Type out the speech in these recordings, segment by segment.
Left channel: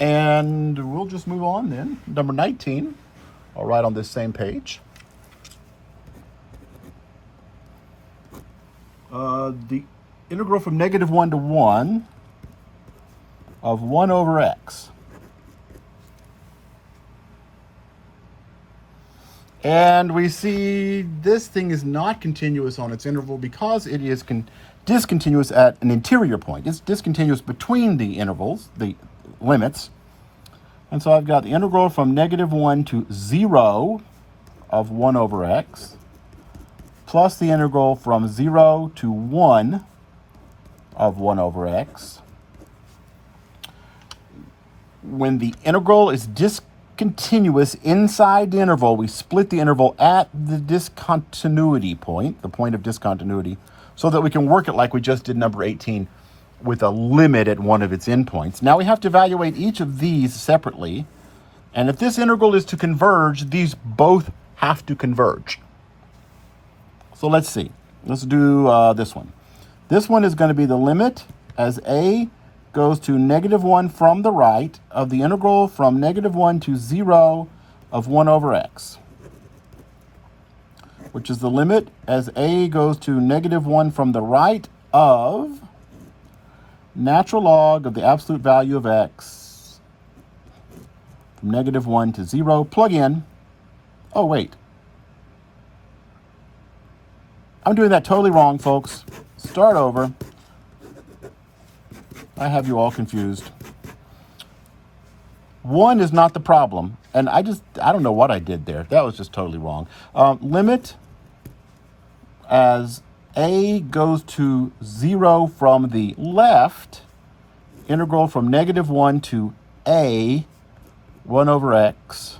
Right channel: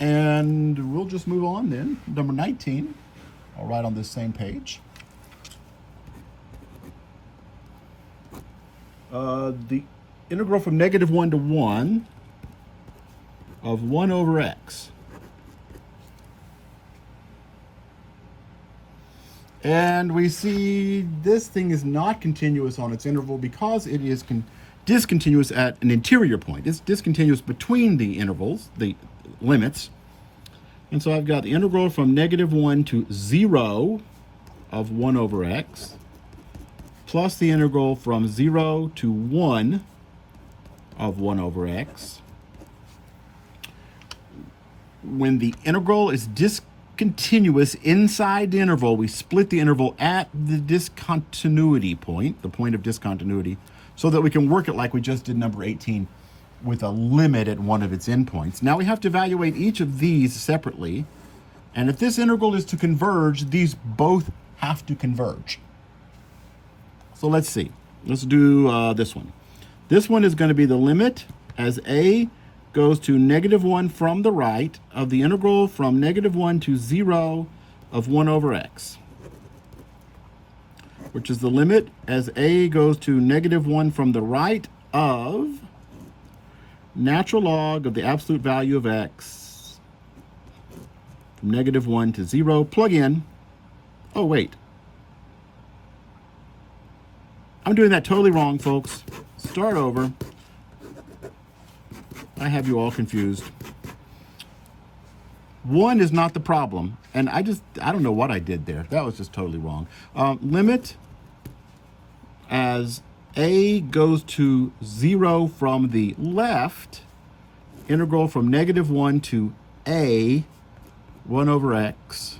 And we'll just move on then. Number 19, I'll write on this same page. The integral from -1 to 1 of 1 over x. And we see this thing is not continuous on its interval because it is discontinuous at an interior point. It's discontinuous between the intervals, the limits. And so I've got the integral from -1 to 0 of 1 over x plus the integral from 0 to 1 of 1 over x. When the integral is discontinuous inside the interval, we split the interval at the discontinuity point, the point of discontinuity, so that we can work it like we just did number 18 with a limit at one of its endpoints. Now we have to evaluate each of these separately, and if this integral is to converge, these both have to converge. So let's see. Let's do this one. This one is going to be the limit as a goes to -1 from the right of the integral from -1 to 0 of 1 over x, which is the limit as a goes to -1 from the right of natural log of the absolute value of x from -1 to 0. Plug in. Oh, wait. I'm doing that totally wrong, folks. Start over. I have you all confused. 1 is not the problem. And I don't know what I did there. That was just totally wrong. Limit as a goes to 0 from the left, integral from -1 to a 1 over x.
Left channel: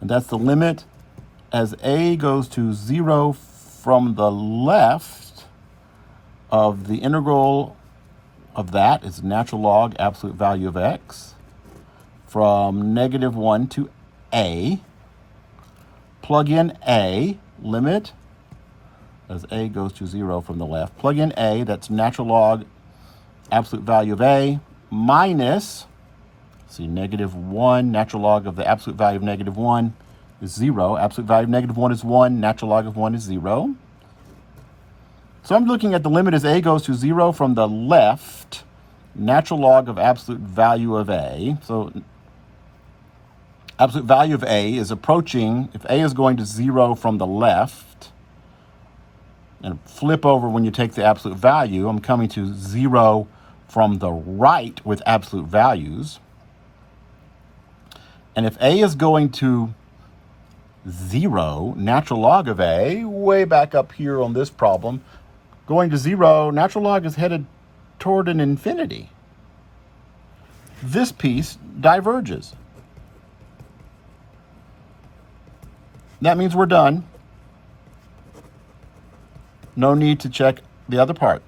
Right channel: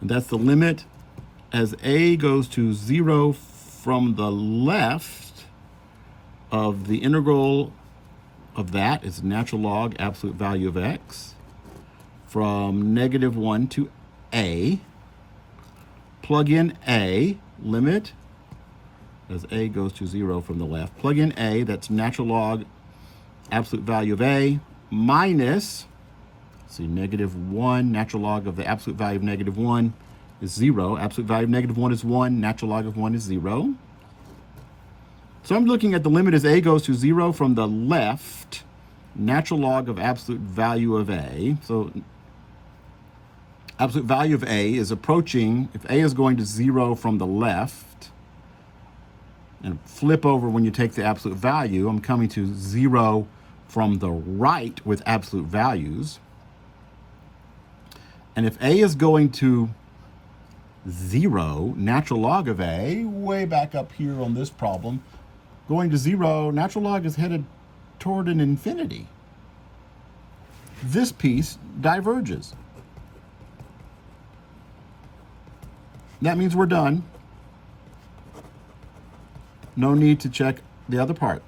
And that's the limit as a goes to 0 from the left of the integral of that is natural log absolute value of x from -1 to a. Plug in a, limit as a goes to 0 from the left. Plug in a, that's natural log absolute value of a minus, see, -1, natural log of the absolute value of -1 is 0. Absolute value of -1 is 1. Natural log of 1 is 0. So I'm looking at the limit as a goes to 0 from the left, natural log of absolute value of a. So absolute value of a is approaching, if a is going to 0 from the left, and flip over when you take the absolute value, I'm coming to 0 from the right with absolute values. And if a is going to 0, natural log of a, way back up here on this problem, going to 0, natural log is headed toward an infinity. This piece diverges. That means we're done. No need to check the other part.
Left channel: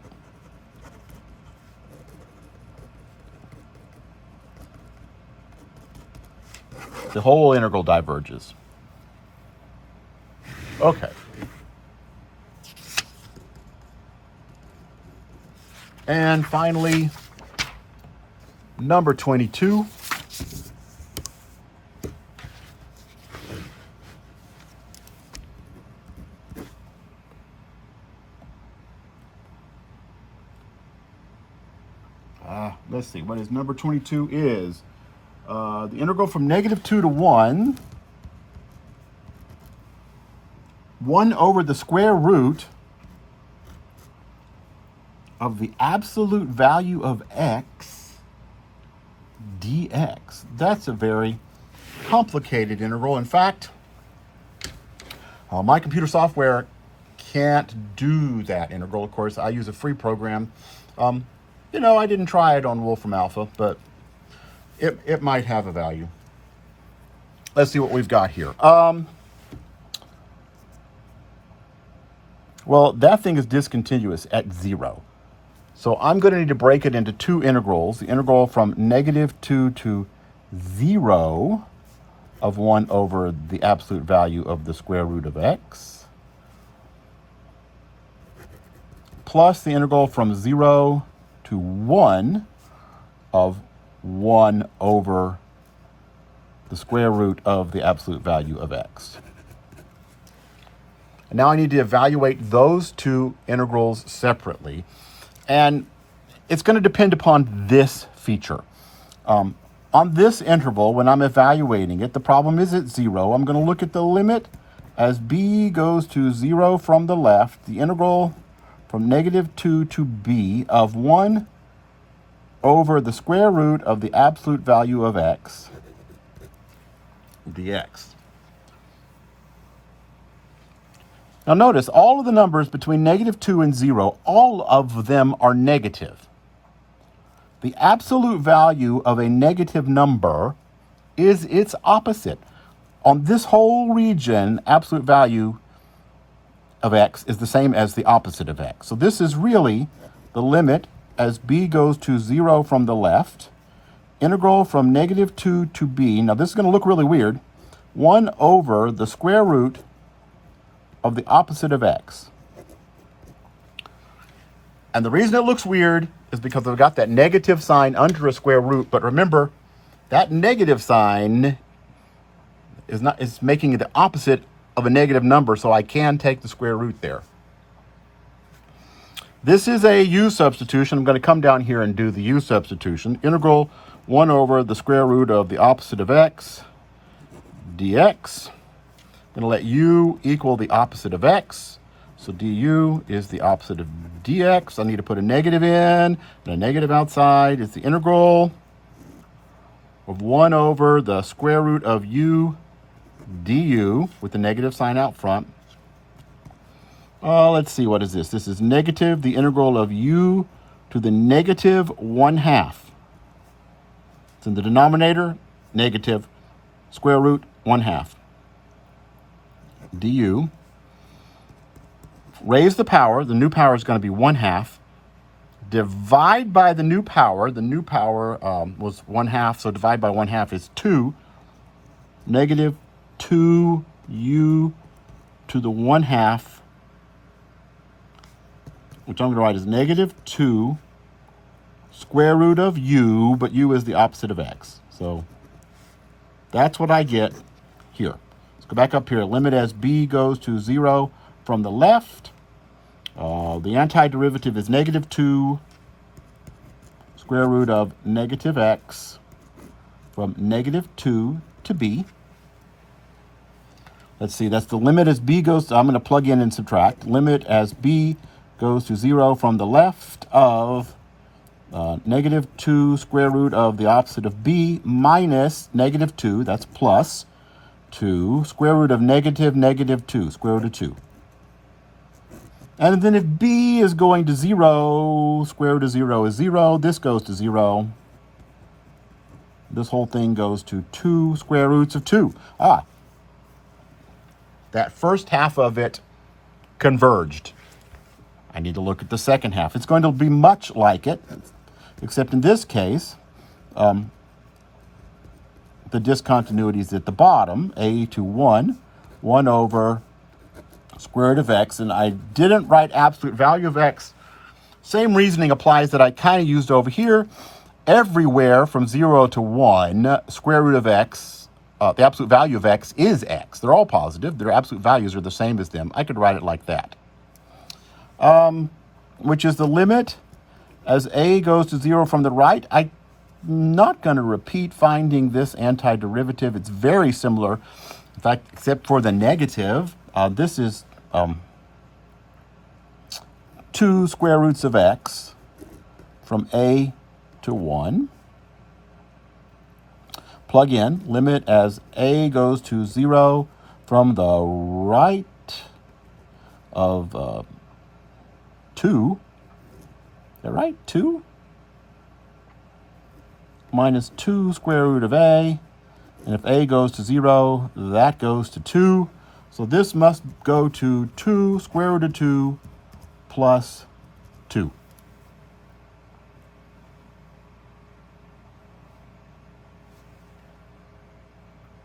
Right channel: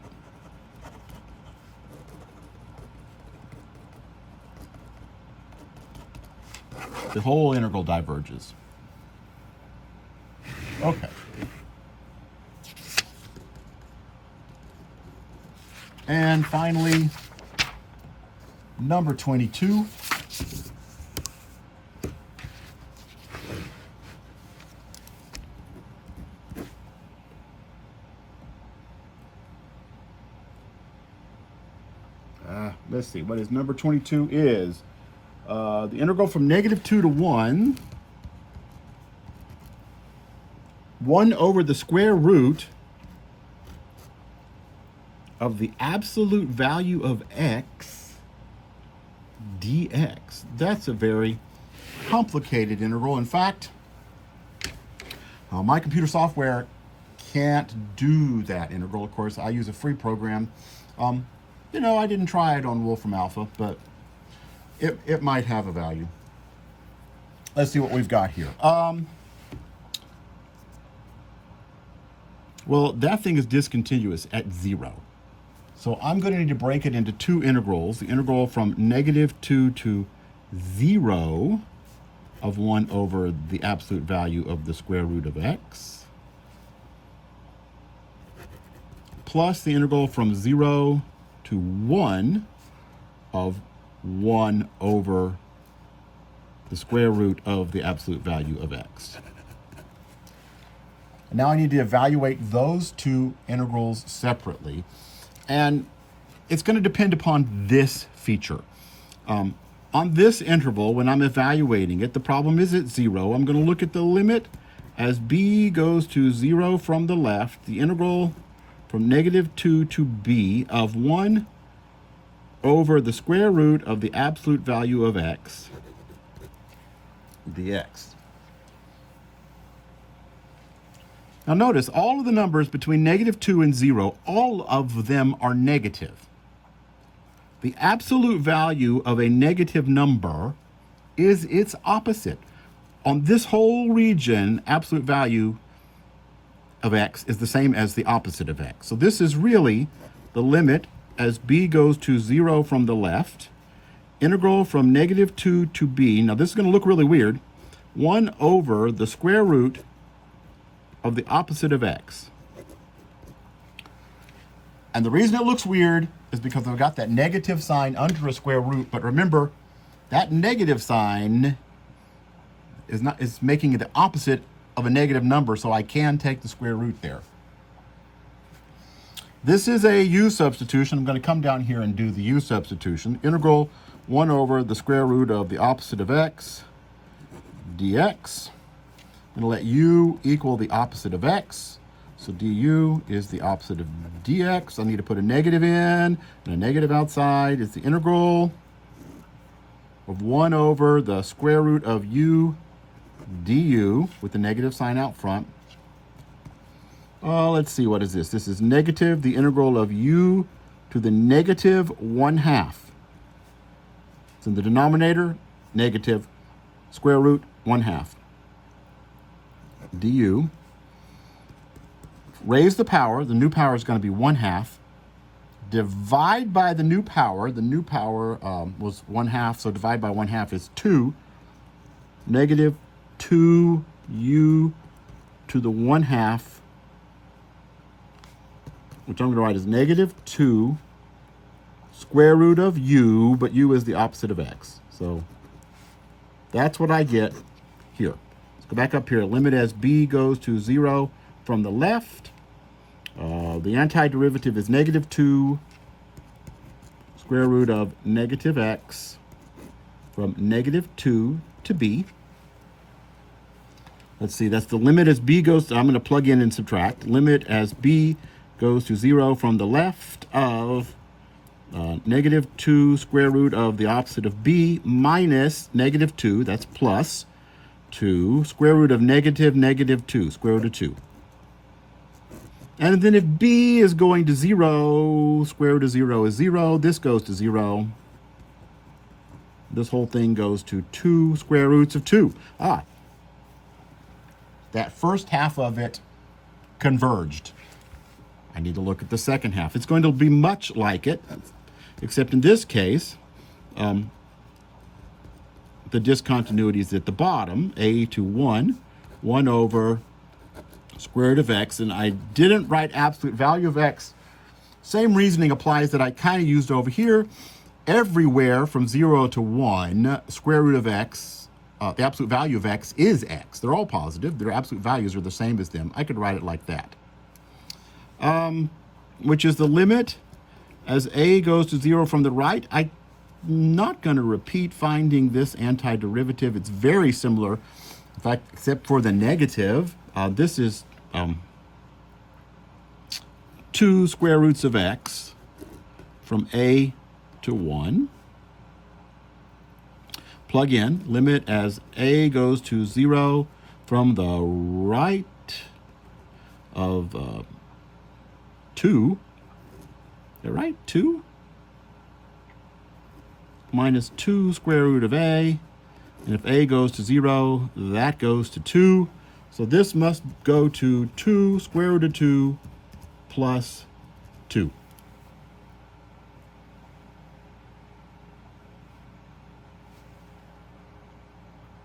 The whole integral diverges. Okay. And finally, number 22. Let's see, what is number 22 is the integral from -2 to 1, 1 over the square root of the absolute value of x dx. That's a very complicated integral. In fact, my computer software can't do that integral. Of course, I use a free program. You know, I didn't try it on Wolfram Alpha, but it might have a value. Let's see what we've got here. Well, that thing is discontinuous at 0. So I'm going to need to break it into two integrals. The integral from -2 to 0 of 1 over the absolute value of the square root of x, plus the integral from 0 to to 1 of 1 over the square root of the absolute value of x. And now I need to evaluate those two integrals separately. And it's going to depend upon this feature. On this interval, when I'm evaluating it, the problem is at 0. I'm going to look at the limit as b goes to 0 from the left, the integral from -2 to b of 1 over the square root of the absolute value of x dx. Now notice, all of the numbers between -2 and 0, all of them are negative. The absolute value of a negative number is its opposite. On this whole region, absolute value of x is the same as the opposite of x. So this is really the limit as b goes to 0 from the left, integral from -2 to b. Now this is going to look really weird. 1 over the square root of the opposite of x. And the reason it looks weird is because I've got that negative sign under a square root. But remember, that negative sign is making it the opposite of a negative number, so I can take the square root there. This is a u substitution. I'm going to come down here and do the u substitution. Integral 1 over the square root of the opposite of x dx. I'm going to let u equal the opposite of x. So du is the opposite of dx. I need to put a negative in and a negative outside. It's the integral of 1 over the square root of u du with the negative sign out front. Let's see, what is this? This is negative the integral of u to the -1/2. It's in the denominator, negative square root 1/2 du. Raise the power. The new power is going to be 1/2. Divide by the new power. The new power was 1/2, so divide by 1/2 is 2. Negative 2u to the 1/2, which I'm going to write as -2 square root of u, but u is the opposite of x. So that's what I get here. Let's go back up here. Limit as b goes to 0 from the left. The antiderivative is -2 square root of -x from -2 to b. Let's see, that's the limit as b goes to, I'm going to plug in and subtract. Limit as b goes to 0 from the left of -2 square root of the opposite of b minus -2, that's plus 2, square root of -2, square root of 2. And then if b is going to 0, square root of 0 is 0. This goes to 0. This whole thing goes to 2 square roots of 2. That first half of it converged. I need to look at the second half. It's going to be much like it, except in this case, the discontinuity is at the bottom, a to 1, 1 over square root of x, and I didn't write absolute value of x. Same reasoning applies that I kind of used over here. Everywhere from 0 to 1, square root of x, the absolute value of x is x. They're all positive. Their absolute values are the same as them. I could write it like that, which is the limit as a goes to 0 from the right. I'm not going to repeat finding this antiderivative. It's very similar. In fact, except for the negative, this is 2 square roots of x from a to 1. Plug in, limit as a goes to 0 from the right of 2. Is that right? 2 minus 2 square root of a. And if a goes to 0, that goes to 2. So this must go to 2 square root of 2 plus 2.